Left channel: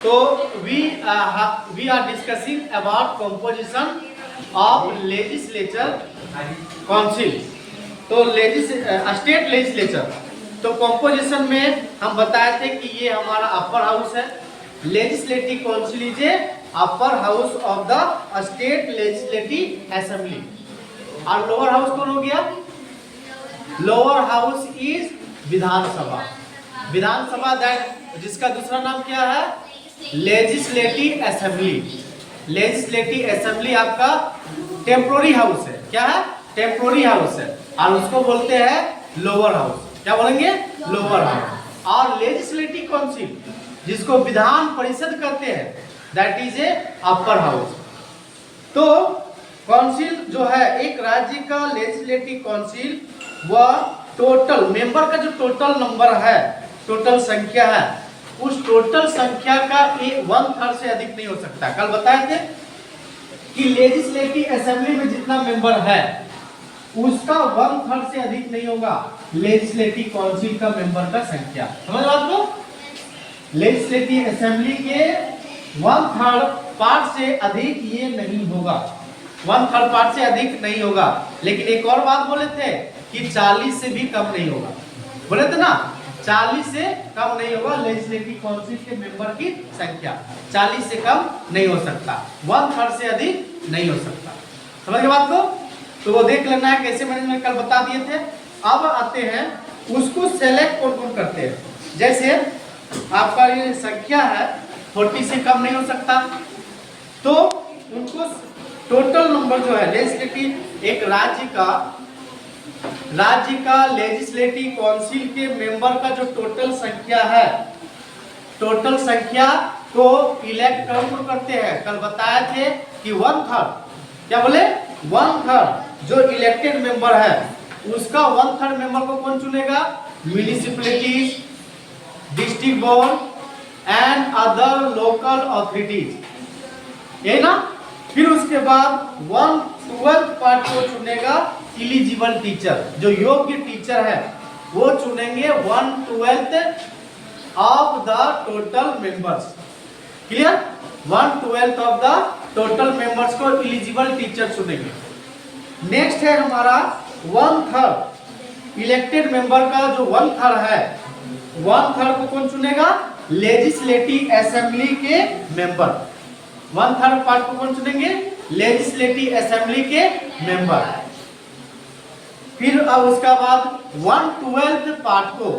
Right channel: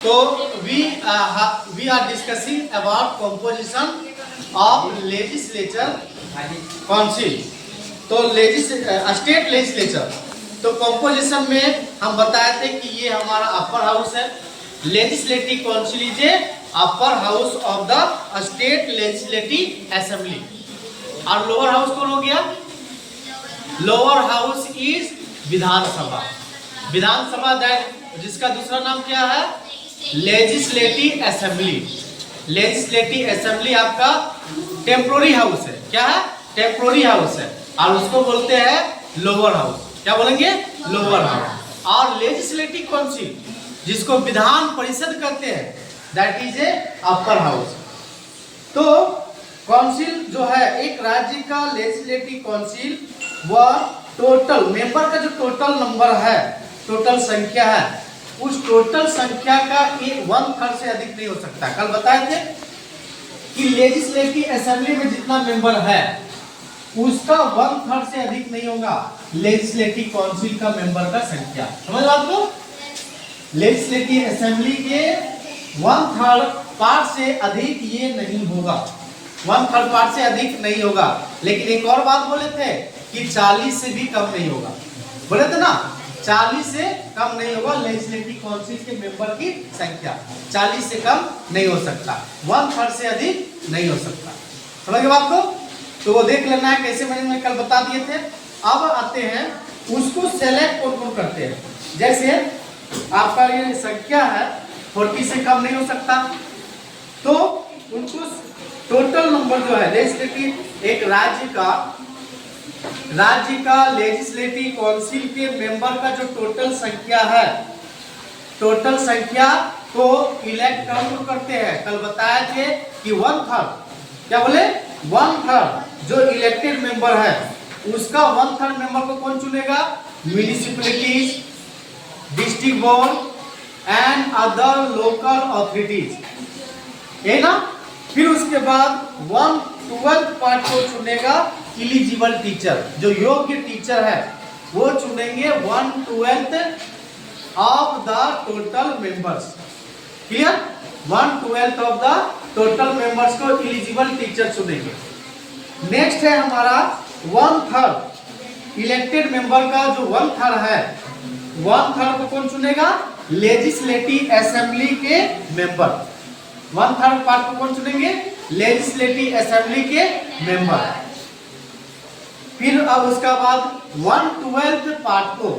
So we are discussing about composition of legislature council. तो state legislature, तो composition में हम बताए थे कि ये हमारा अपर हाउस है, legislative council is upper house of the state legislative assembly. और लोअर हाउस कौन हो गया? Lower house is Vidhan Sabha. Vidhan Sabha that जिसका दूसरा नाम क्या है? Legislative assembly. लेजिस्लेटिव असेंबली आपका टेम्पोररी हाउस है। क्या है? टेम्पोररी हाउस है, और उसको बोलते हैं लोअर हाउस। क्या बोलेंगे? Lower house. और लेजिस्लेटिव काउंसिल जिसको विधान परिषद कहते हैं, that is a upper house. तो काउंसिल जो है, एक राज्य का लेजिस्लेटिव काउंसिल वह टोटल मेंबर का जो टोटल नंबर है, टोटल संख्या है, उस टोटल संख्या का 1/3 से अधिक नहीं हो सकता। कल बताए थे कि लेजिस्लेटिव असेंबली में जितना मेंबर है उसका 1/3 से अधिक नहीं होगा लेजिस्लेटिव काउंसिल का मेंबर का संख्या। समझ बात को? लेजिस्लेटिव असेंबली के 1/3 पार्ट से अधिक ये नहीं होगा, 1/3 पार्ट से अधिक नहीं होगा। लेकिन एक और बात बोले थे कि 40 से भी कम नहीं होगा। बोले थे ना, 40 से कम नहीं होगा लेजिस्लेटिव काउंसिल के मेंबर की संख्या। 40 से कम नहीं हो सकता, 1/3 से अधिक नहीं हो सकता। समझ गए बात को? तो वो देख लेना है कैसे मैंने कल बता दिए थे। अब आते हैं उसको सेलेक्ट कौन कौन करते हैं। जैसे आपका ये संख्या है 40 से कम नहीं हो सकता, तो उनको टोटल नंबर जो है लेजिस्लेटिव, एक राज्य का लेजिस्लेटिव काउंसिल के मेंबर का जो टोटल संख्या है, टोटल संख्या को इलेक्ट कौन करते हैं? कल बताए थे कि 1/3, क्या बोले? 1/3 जो इलेक्टेड मेंबर है उसका 1/3 मेंबर को कौन चुनेगा? Municipalities, district board and other local authorities, ये ना। फिर उसके बाद 1/12 पार्ट को चुनेगा एलिजिबल टीचर, जो योग्य टीचर है वो चुनेंगे 1/12 of the total members. Clear? 1/12 of the total members को एलिजिबल टीचर चुनेंगे। नेक्स्ट है हमारा 1/3 इलेक्टेड मेंबर का जो 1/3 है, 1/3 को कौन चुनेगा? लेजिस्लेटिव असेंबली के मेंबर। 1/3 पार्ट को कौन चुनेंगे? लेजिस्लेटिव असेंबली के मेंबर। फिर अब उसका बाद 1/12 पार्ट को,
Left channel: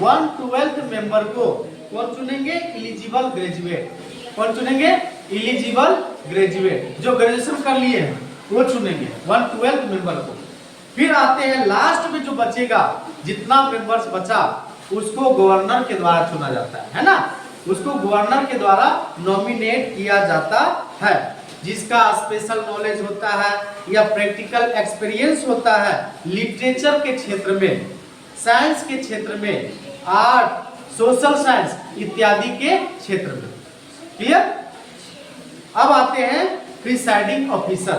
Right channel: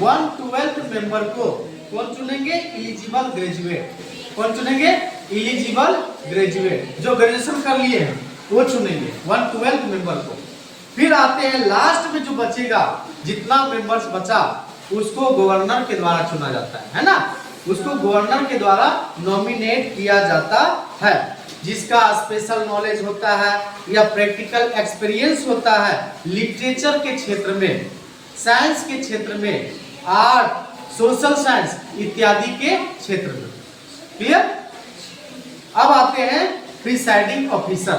1/12 मेंबर को कौन चुनेंगे? Eligible graduate. कौन चुनेंगे? एलिजिबल ग्रेजुएट, जो ग्रेजुएशन कर लिए हैं वो चुनेंगे 1/12 मेंबर को। फिर आते हैं लास्ट में जो बचेगा, जितना मेंबर्स बचा उसको गवर्नर के द्वारा चुना जाता है ना। उसको गवर्नर के द्वारा नॉमिनेट किया जाता है, जिसका स्पेशल नॉलेज होता है या प्रैक्टिकल एक्सपीरियंस होता है लिटरेचर के क्षेत्र में, साइंस के क्षेत्र में, आर्ट, सोशल साइंस इत्यादि के क्षेत्र में। क्लियर? अब आते हैं प्रिसाइडिंग ऑफिसर।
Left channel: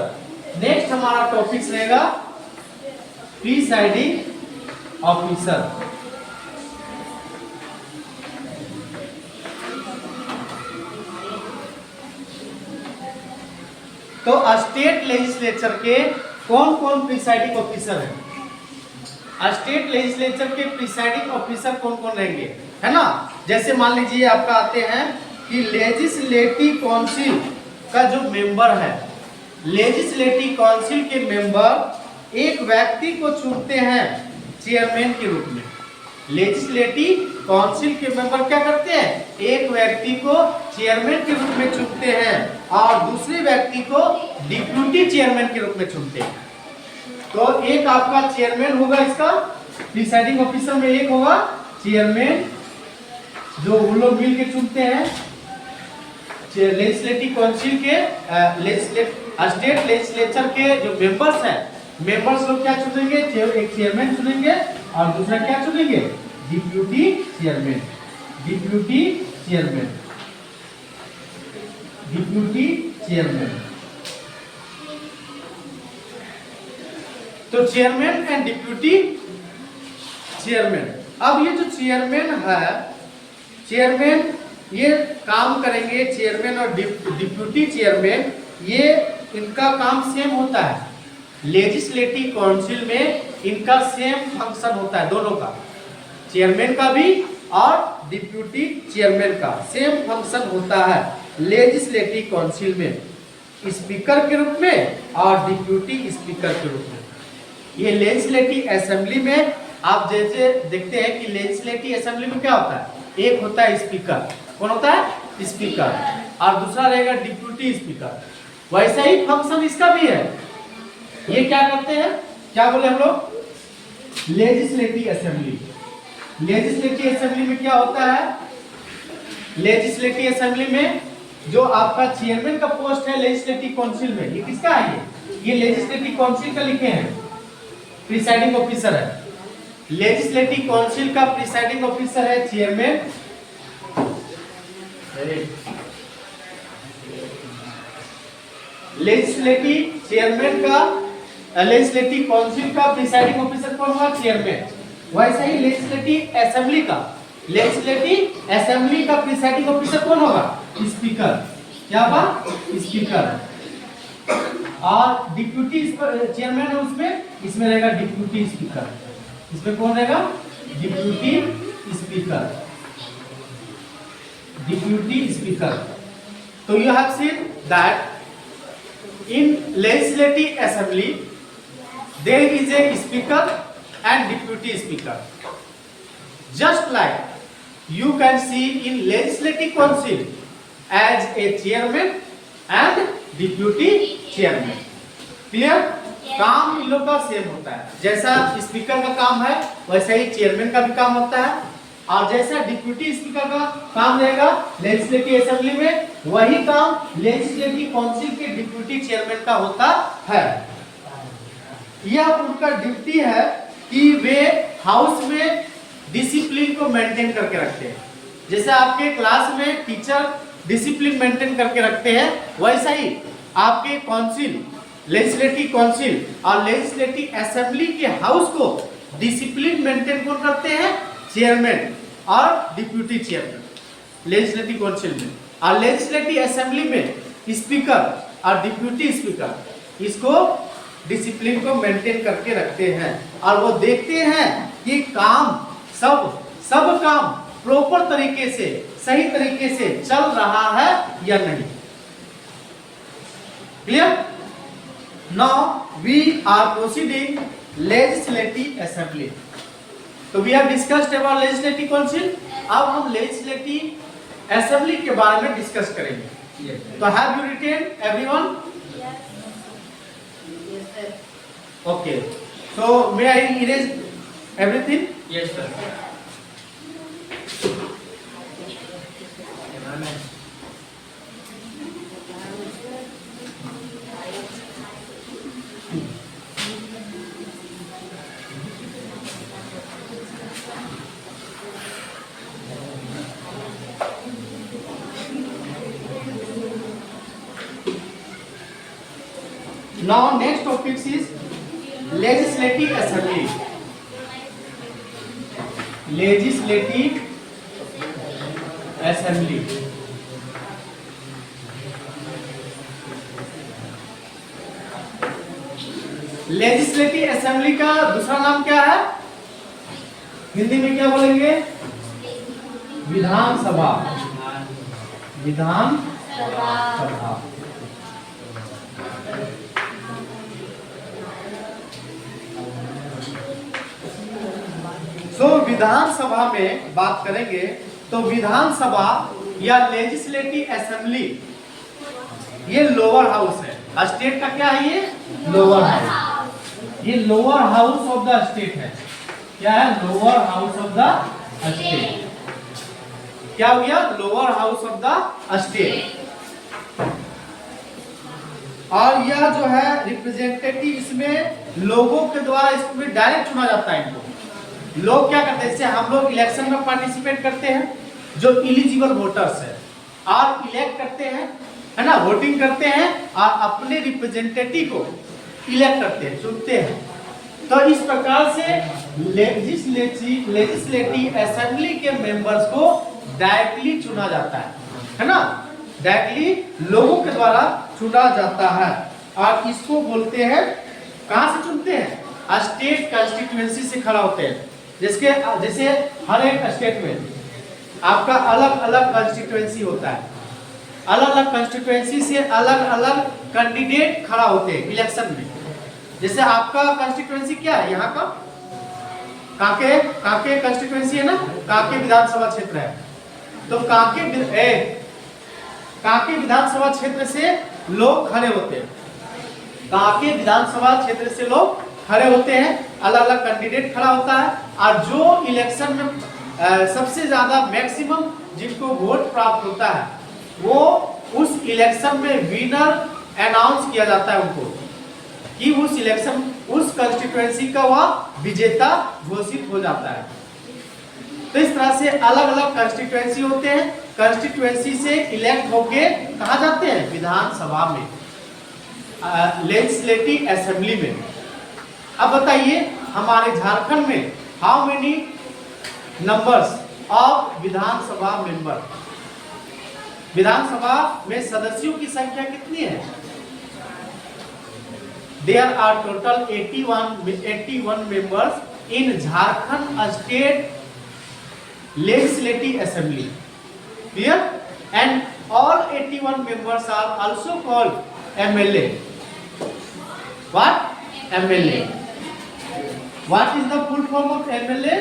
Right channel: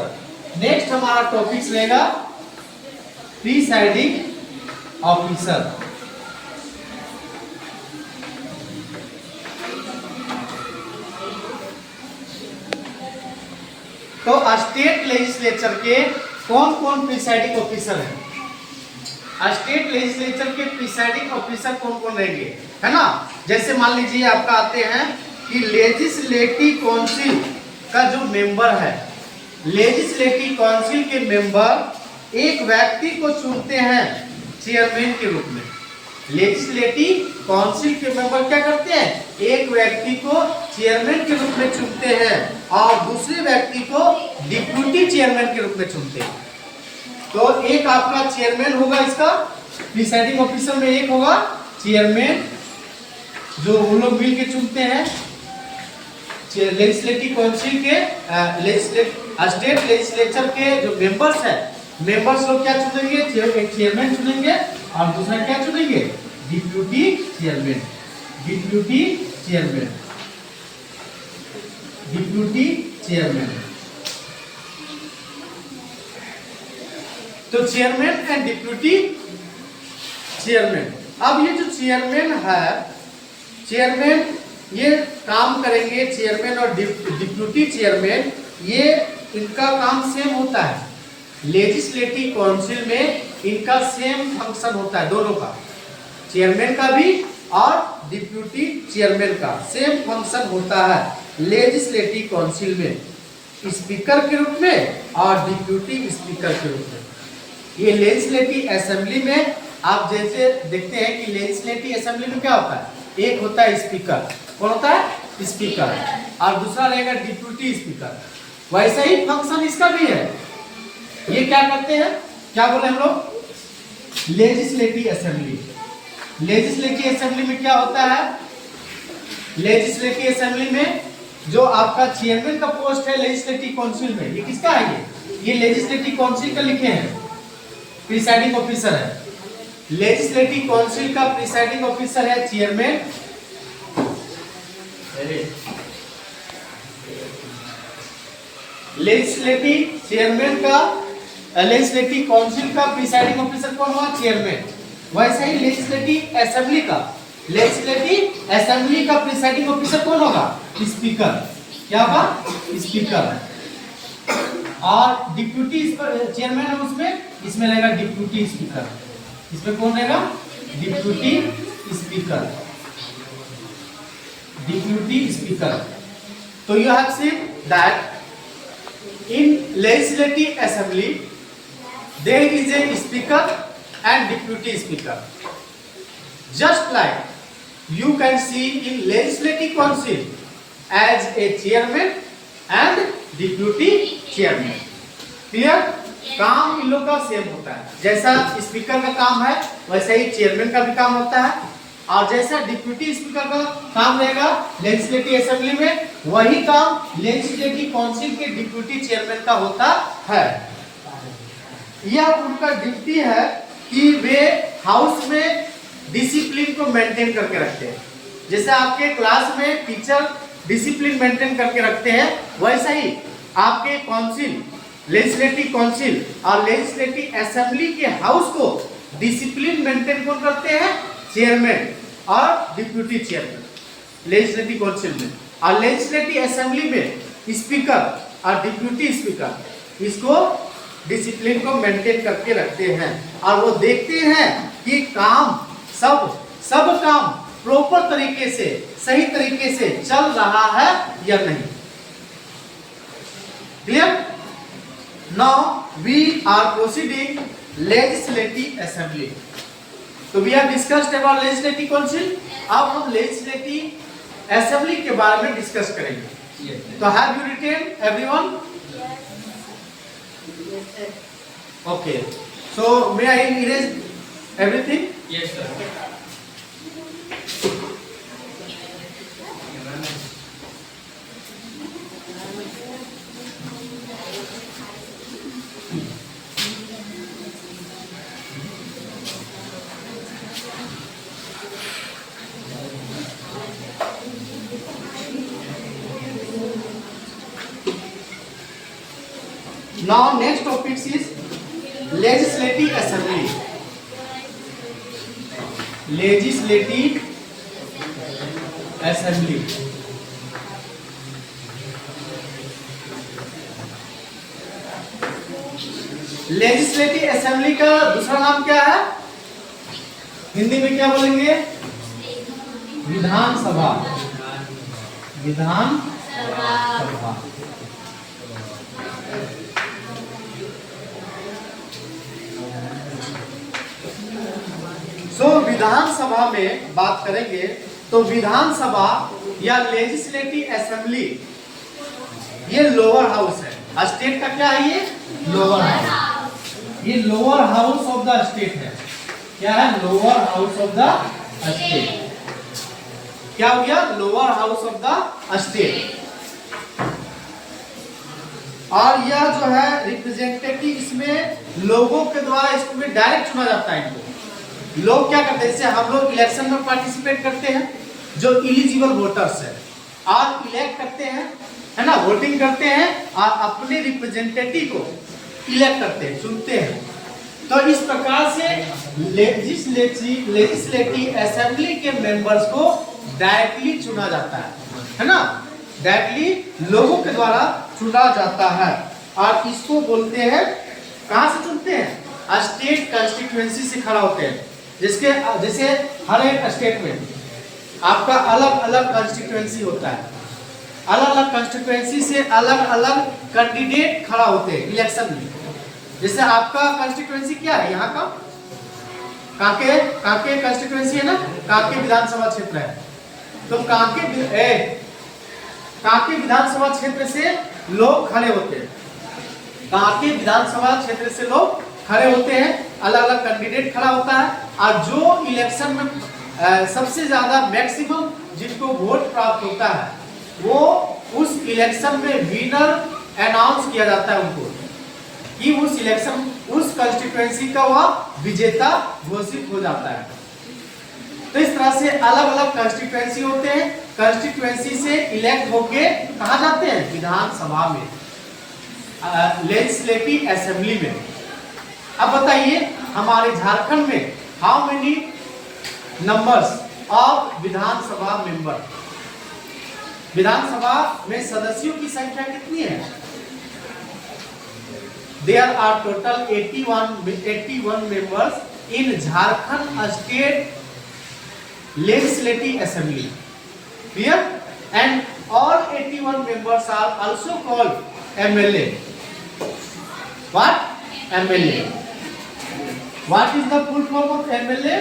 नेक्स्ट हमारा टॉपिक रहेगा प्रिसाइडिंग ऑफिसर। तो स्टेट लेजिस्लेचर के कौन कौन प्रिसाइडिंग ऑफिसर हैं? स्टेट लेजिस्लेचर के प्रिसाइडिंग ऑफिसर कौन कौन रहेंगे, है ना। जैसे मान लीजिए आपका आते हैं कि लेजिस्लेटिव काउंसिल का जो मेंबर है, लेजिस्लेटिव काउंसिल के मेंबर एक व्यक्ति को चुनते हैं चेयरमैन के रूप में। लेजिस्लेटिव काउंसिल के मेंबर क्या करते हैं? एक व्यक्ति को चेयरमैन के रूप में चुनते हैं और दूसरे व्यक्ति को डिप्यूटी चेयरमैन के रूप में चुनते हैं। तो एक आपका चेयरमैन होगा, इसका प्रिसाइडिंग ऑफिसर में एक होगा चेयरमैन, जो उन लोग मिल के चुनते हैं लेजिस्लेटिव काउंसिल के स्टेट लेजिस्लेचर के जो मेंबर्स है, मेंबर्स लोग क्या चुनेंगे? एक चेयरमैन चुनेंगे और दूसरा क्या चुनेंगे? Deputy chairman. Deputy chairman, deputy chairman. तो चेयरमैन एंड डिप्यूटी चेयरमैन। अब ये जो चेयरमैन है, चेयरमैन ये काम करेंगे चेयरमैन और डिप्यूटी चेयरमैन, ये इनका काम सेम होता है। लेजिस्लेटिव काउंसिल में इनका सेम फंक्शन होता है, दोनों का, चेयरमैन का भी और डिप्यूटी चेयरमैन का सेम फंक्शन होता है लेजिस्लेटिव काउंसिल में, स्पीकर के रूप में और डिप्यूटी स्पीकर के रूप में। ये लेजिस्लेटिव असेंबली में आप जैसे देखते हैं कि लेजिस्लेटिव असेंबली में क्या होता है, एक होता है स्पीकर, कौन होता है, स्पीकर, और दूसरा रहेगा डिप्यूटी स्पीकर। वैसा ही फंक्शन इसका भी है। ये क्या करते हैं, क्या बोले हम लोग, लेजिस्लेटिव असेंबली। लेजिस्लेटिव असेंबली में क्या होता है, लेजिस्लेटिव असेंबली में जो आपका चेयरमैन का पोस्ट है लेजिस्लेटिव काउंसिल में, ये किसका है, ये लेजिस्लेटिव काउंसिल का लिखे हैं, प्रिसाइडिंग ऑफिसर है। लेजिस्लेटिव काउंसिल का प्रिसाइडिंग ऑफिसर है चेयरमैन, लेजिस्लेटिव चेयरमैन का, लेजिस्लेटिव काउंसिल का प्रिसाइडिंग ऑफिसर कौन हुआ, चेयरमैन। वैसे ही लेजिस्लेटिव असेंबली का, लेजिस्लेटिव असेंबली का प्रिसाइडिंग ऑफिसर कौन होगा, स्पीकर। क्या होगा, स्पीकर। और डिप्यूटी चेयरमैन है उसमें, इसमें रहेगा डिप्यूटी स्पीकर। इसमें कौन रहेगा, डिप्यूटी स्पीकर, डिप्यूटी स्पीकर। तो you have seen that in legislative assembly there is a speaker and deputy speaker, just like you can see in legislative council as a chairman and deputy chairman. clear? काम इन लोग का same होता है, जैसा speaker का काम है वैसा ही चेयरमैन का भी काम होता है, और जैसा डिप्यूटी स्पीकर का काम रहेगा लेजिस्लेटिव असेंबली में, वही काम लेजिस्लेटिव काउंसिल के डिप्यूटी चेयरमैन का होता है। यह उनका ड्यूटी है कि वे हाउस में डिसिप्लिन को मेंटेन करके रखते हैं। जैसे आपके क्लास में टीचर डिसिप्लिन मेंटेन करके रखते हैं, वैसा ही आपके काउंसिल, लेजिस्लेटिव काउंसिल और लेजिस्लेटिव असेंबली के हाउस को डिसिप्लिन मेंटेन कौन करते हैं, चेयरमैन और डिप्यूटी चेयरमैन लेजिस्लेटिव काउंसिल में। और लेजिस्लेटिव असेंबली में स्पीकर और डिप्यूटी स्पीकर इसको डिसिप्लिन को मेंटेन करके रखते हैं, और वो देखते हैं कि काम सब काम प्रॉपर तरीके से, सही तरीके से चल रहा है या नहीं। Clear? Now we are proceeding legislative assembly. तो we have discussed about legislative council. अब हम लेजिस्लेटिव असेंबली के बारे में डिस्कस करेंगे। तो have you written everyone? Okay, so may I erase everything? Yes sir. Now next topic is legislative assembly. Legislative assembly. Legislative assembly का दूसरा नाम क्या है, हिंदी में क्या बोलेंगे, विधानसभा। विधानसभा। तो विधानसभा में बात करेंगे तो विधानसभा या लेजिस्लेटिव असेंबली ये लोअर हाउस है। स्टेट का क्या है, ये लोअर हाउस। ये lower house of the state है। क्या है, lower house of the state. क्या हो गया, lower house of the state. और यह जो है रिप्रेजेंटेटिव, इसमें लोगों के द्वारा इसमें डायरेक्ट चुना जाता है। इनको लोग क्या करते हैं, जैसे हम लोग इलेक्शन में पार्टिसिपेट करते हैं, जो इलिजिबल वोटर्स है और इलेक्ट करते हैं, है ना, वोटिंग करते हैं और अपने रिप्रेजेंटेटिव को इलेक्ट करते हैं, चुनते हैं। तो इस प्रकार से लेजिस्लेटिव असेंबली के मेंबर्स को डायरेक्टली चुना जाता है ना, डायरेक्टली लोगों के द्वारा चुना जाता है। और इसको बोलते हैं, कहां से चुनते हैं? स्टेट कंस्टिट्यूएंसी से खड़ा होते हैं। जैसे हर एक स्टेट में आपका अलग अलग कंस्टिट्यूएंसी होता है, अलग अलग कंस्टिट्यूएंसी से अलग अलग कैंडिडेट खड़ा होते हैं इलेक्शन में। जैसे आपका कंस्टिट्यूएंसी क्या है, यहाँ का कांके कंस्टिट्यूएंसी है ना, कांके विधानसभा क्षेत्र है। तो कांके विधानसभा क्षेत्र से लोग खड़े होते हैं, कांके विधानसभा क्षेत्र से लोग खड़े होते हैं, अलग अलग कैंडिडेट खड़ा होता है। और जो इलेक्शन में सबसे ज्यादा मैक्सिमम जिनको वोट प्राप्त होता है, वो उस इलेक्शन में विनर अनाउंस किया जाता है उनको, कि उस इलेक्शन उस कंस्टिट्यूएंसी का वह विजेता घोषित हो जाता है। तो इस तरह से अलग अलग कंस्टिट्यूएंसी होते हैं। कंस्टिट्यूएंसी से इलेक्ट होके कहाँ जाते हैं? विधानसभा में, लेजिस्लेटिव असेंबली में। अब बताइए हमारे झारखंड में how many numbers of Vidhansabha member? विधानसभा में सदस्यों की संख्या कितनी है? There are total 81 members in Jharkhand State Legislative Assembly. Clear? And all 81 members are also called MLA. What? MLA. What is the full form of MLA?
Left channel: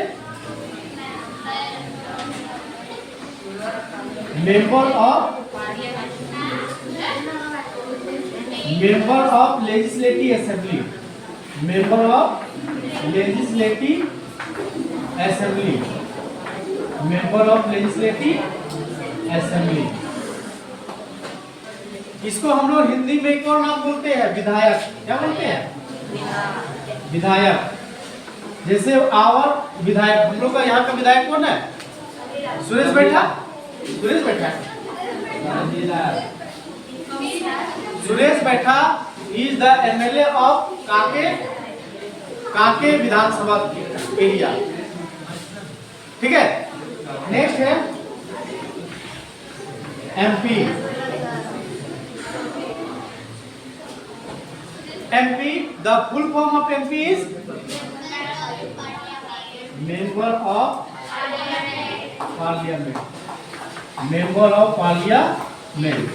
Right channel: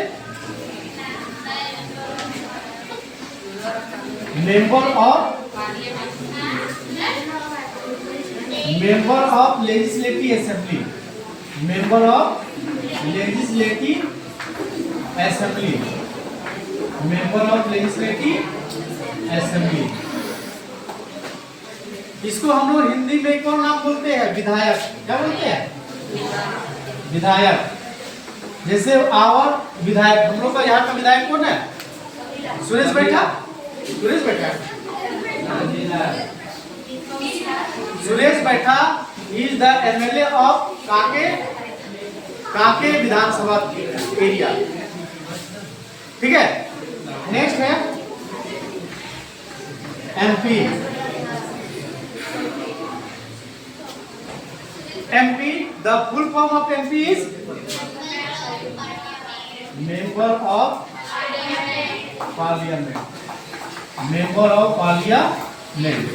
Member of Legislative Assembly. Member of Legislative Assembly. Member of Legislative Assembly. इसको हम लोग हिंदी में कौन नाम बोलते हैं? विधायक। क्या बोलते हैं? विधायक। जैसे आवर विधायक, हम लोग का यहाँ का विधायक कौन है? सुरेश बैठा। सुरेश बैठा is the MLA of Kanke Vidhan Sabha area. ठीक है, नेक्स्ट है MP. MP, the full form of MP is member of parliament. Member of parliament,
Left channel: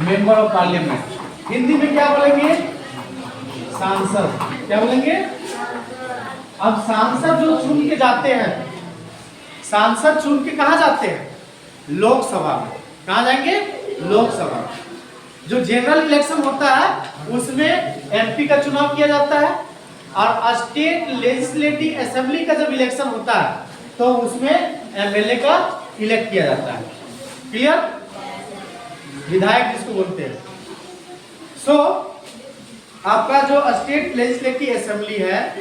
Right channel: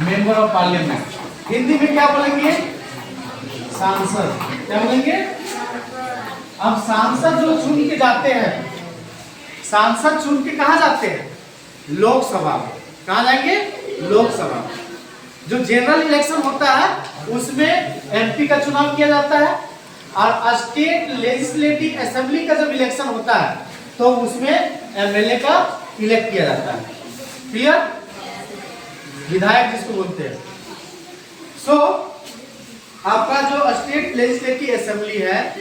member of parliament. Hindi में क्या बोलेंगे? सांसद। क्या बोलेंगे? अब सांसद जो चुन के जाते हैं, सांसद चुन के कहाँ जाते हैं? लोकसभा। कहाँ जाएंगे? लोकसभा। जो जनरल इलेक्शन होता है उसमें एमपी का चुनाव किया जाता है, और स्टेट लेजिस्लेटिव असेंबली का जब इलेक्शन होता है तो उसमें एमएलए का इलेक्ट किया जाता है। क्लियर? विधायक जिसको बोलते हैं। सो आपका जो स्टेट लेजिस्लेटिव असेंबली है,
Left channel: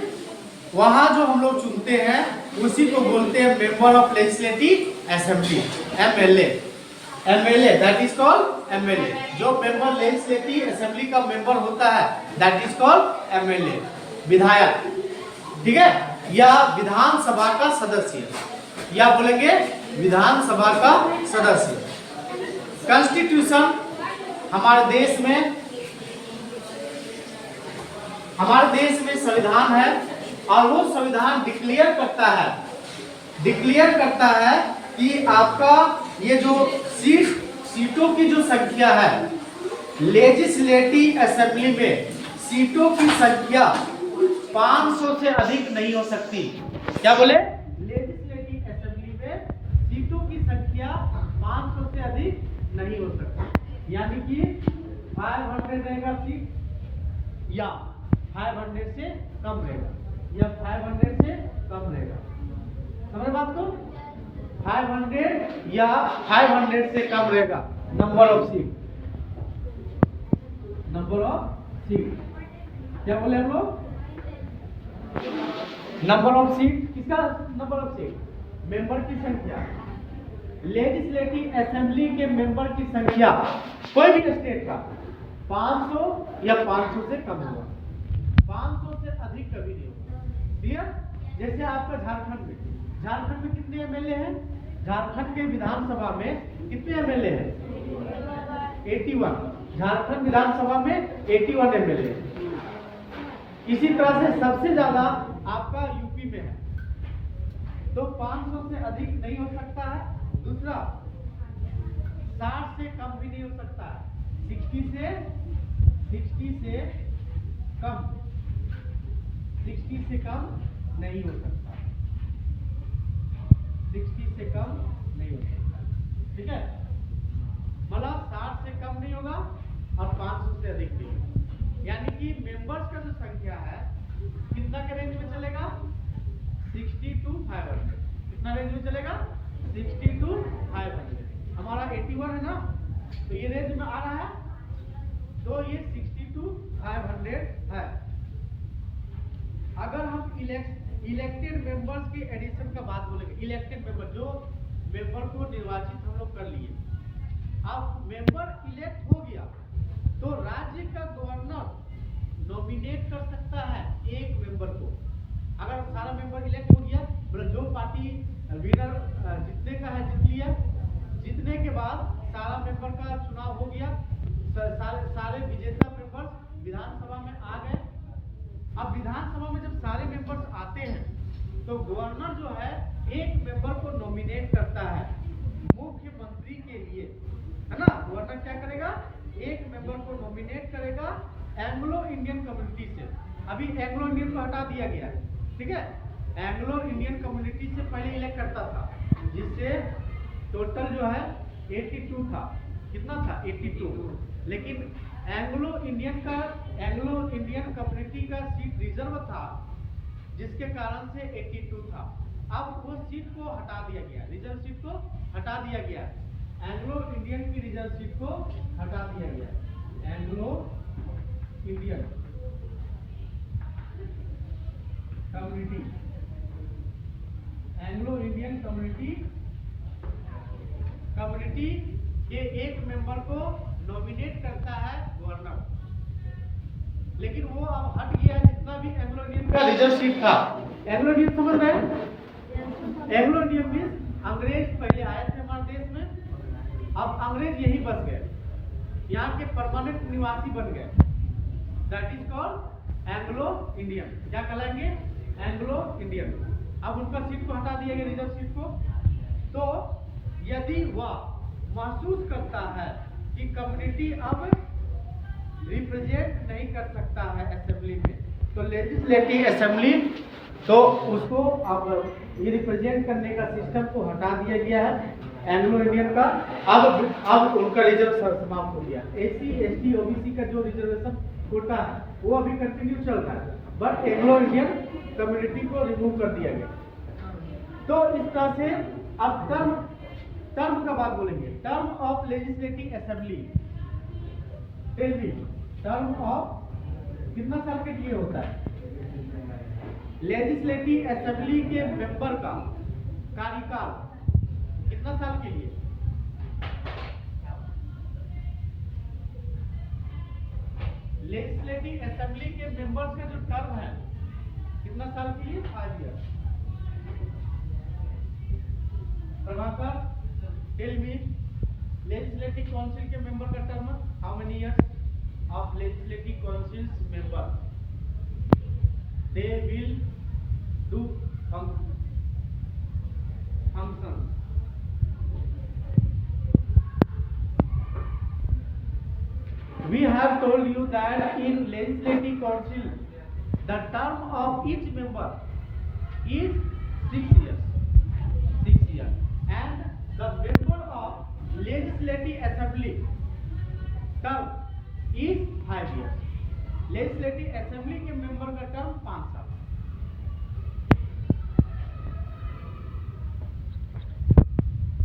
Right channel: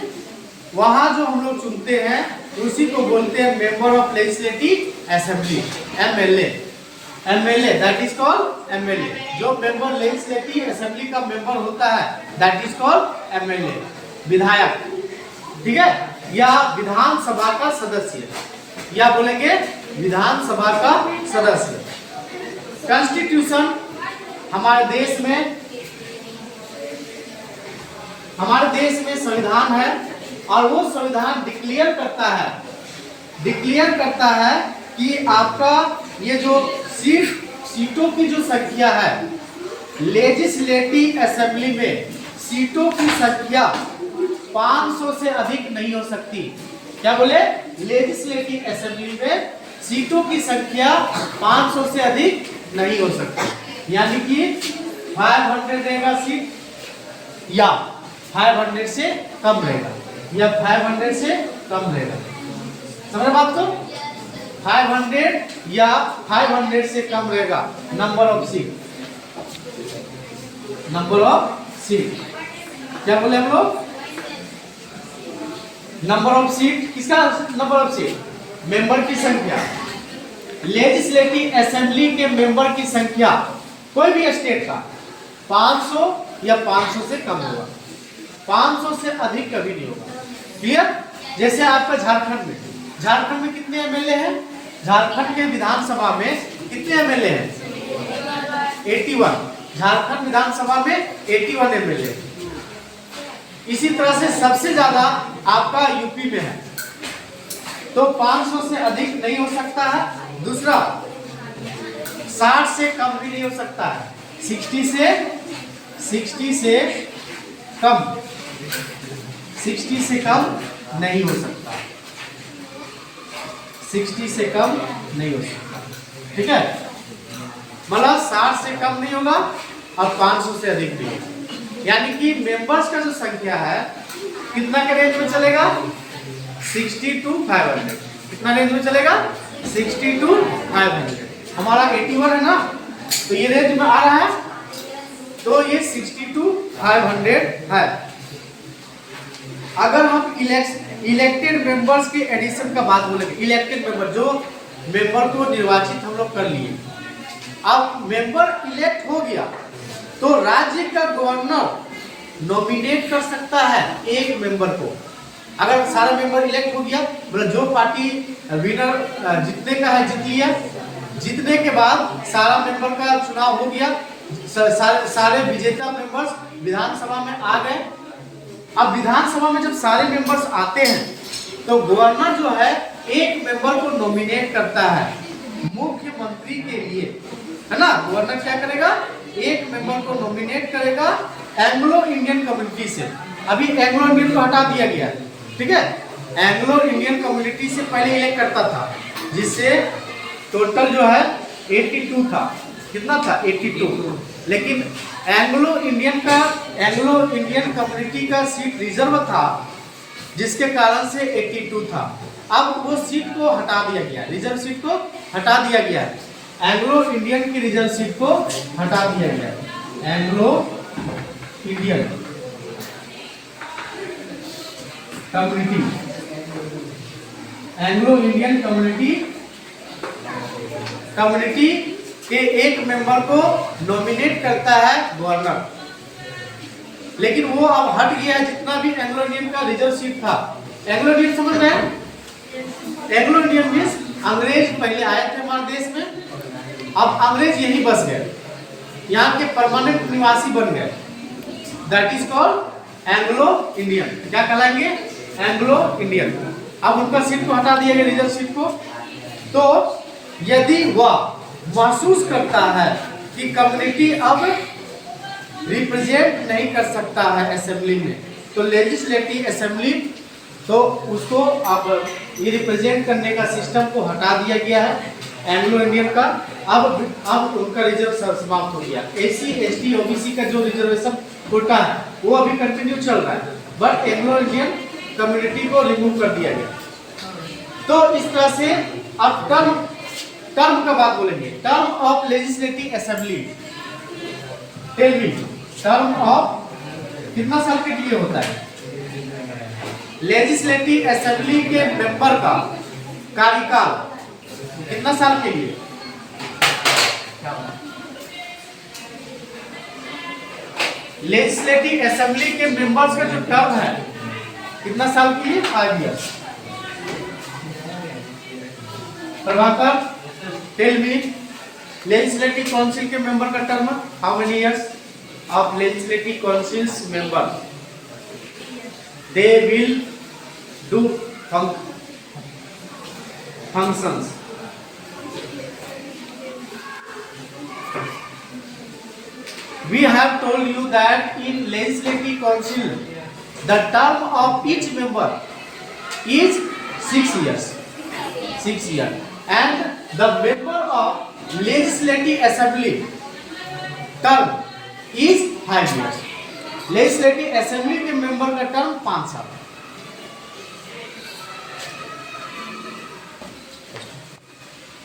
वहां जो हम लोग चुनते हैं उसी को बोलते हैं member of legislative assembly, MLA. MLA that is called MLA. जो मेंबर लेजिस्लेटिव असेंबली का मेंबर होता है दैट इज कॉल्ड एमएलए, विधायक। ठीक है, या विधानसभा का सदस्य, या बोलेंगे विधानसभा का सदस्य। कॉन्स्टिट्यूशन हमारे देश में संविधान है, और वो संविधान डिक्लेयर करता है कि आपका ये जो सीटों की जो संख्या है, लेजिस्लेटिव असेंबली में सीटों की संख्या 500 से अधिक नहीं हो सकती। क्या बोले? लेजिस्लेटिव असेंबली में सीटों की संख्या 500 से अधिक नहीं हो सकती। यानी कि 500 रहेगा सीट, या 500 से कम रहेगा, या 500 से कम रहेगा। समझ बात को? 500 या 500 से कम रहेगा number of seat. Number of seat क्या बोले हम लोग? Number of seat. किसका नंबर ऑफ सीट? मेंबर की संख्या। लेजिस्लेटिव असेंबली के मेंबर की संख्या कोई भी स्टेट का 500 या 500 से कम होगा, 500 से अधिक कभी नहीं होगा। क्लियर? जैसे आपका झारखंड में झारखंड में कितने एमएलए हैं? झारखंड के विधानसभा में कितने एमएलए हैं? 81। झारखंड विधानसभा में 81 एमएलए। इसी तरह से सबसे ज्यादा आपका यूपी में है, तो 500 से अधिक नहीं हो सकता है। दूसरा 60 से कम भी नहीं हो सकता है। 60 से कम, 60 से कम नहीं हो सकता, 60 से कम नहीं हो सकता, ठीक है। मतलब 60 से कम नहीं होगा और 500 से अधिक भी होगा। यानी कि मेंबर्स का जो संख्या है कितना के रेंज में चलेगा? 60 to 500। कितना रेंज में चलेगा? 60 to 500। हमारा 81 है ना, तो ये रेंज में आ रहा है, तो ये 60 to 500 है। अगर हम इलेक्टेड मेंबर्स के एडिशन का बात बोलेंगे, इलेक्टेड मेंबर जो मेंबर को निर्वाचित हम लोग कर लिए, अब मेंबर इलेक्ट हो गया तो राज्य का गवर्नर नॉमिनेट कर सकता है एक मेंबर को। अगर सारा मेंबर इलेक्ट हो गया, मतलब जो पार्टी विनर जीतने का है जीत लिया, जीतने के बाद सारा मेंबर का चुनाव हो गया, सारे विजेता मेंबर्स विधानसभा में आ गए। अब विधानसभा में जब सारे मेंबर्स आते हैं तो गवर्नर जो है एक मेंबर को नॉमिनेट करता है मुख्यमंत्री के लिए, है ना। गवर्नर क्या करेगा? एक मेंबर को नॉमिनेट करेगा एंग्लो इंडियन कम्युनिटी से। अभी एंग्लो इंडियन को हटा दिया गया, ठीक है। एंग्लो इंडियन कम्युनिटी से पहले इलेक्ट करता था, जिससे टोटल जो है 82 था। कितना था? 82। लेकिन एंग्लो इंडियन कम्युनिटी का सीट रिजर्व था, जिसके कारण से 82 था। अब वो सीट को हटा दिया गया, रिजर्व सीट को हटा दिया गया, एंग्लो इंडियन की रिजर्व सीट को हटा दिया गया। एंग्लो इंडियन कम्युनिटी के एक मेंबर को नॉमिनेट करता है गवर्नर। लेकिन वो अब हट गया है, जितना भी एंग्लो इंडियन का रिजर्व सीट था। एंग्लो इंडियन समझ रहे हैं? एंग्लो इंडियन मींस अंग्रेज पहले आए थे हमारे देश में, अब अंग्रेज यहीं बस गए, यहाँ के परमानेंट निवासी बन गए। That is called Anglo Indian. क्या कहलाएंगे? Anglo Indian. अब उनका सीट को हटा दिया गया, रिजर्व सीट को। तो यदि वह महसूस करता है कि कम्युनिटी अब रिप्रेजेंट नहीं कर सकता है असेंबली में, तो लेजिस्लेटिव असेंबली, तो उसको अब ये रिप्रेजेंट करने का सिस्टम को हटा दिया गया है एंग्लो इंडियन का। अब उनका रिजर्व समाप्त हो गया। एससी एसटी ओबीसी का जो रिजर्वेशन कोटा है वो अभी कंटिन्यू चल रहा है, बट एंग्लो इंडियन कम्युनिटी को रिमूव कर दिया गया। तो इस तरह से अब टर्म का बात बोलेंगे। Term of legislative assembly, tell me, term of कितना साल के लिए होता है? लेजिस्लेटिव असेंबली के मेंबर का कार्यकाल कितना साल के लिए? लेजिस्लेटिव असेंबली के मेंबर्स का जो टर्म है कितना साल के लिए? 5 years. Prabhakar, tell me, legislative council के मेंबर का term how many years? Of legislative councils member, they will do functions. We have told you that in legislative council the term of each member is 6 years, 6 years, and the member of legislative assembly term is 5 years. Legislative assembly के member का term 5 साल।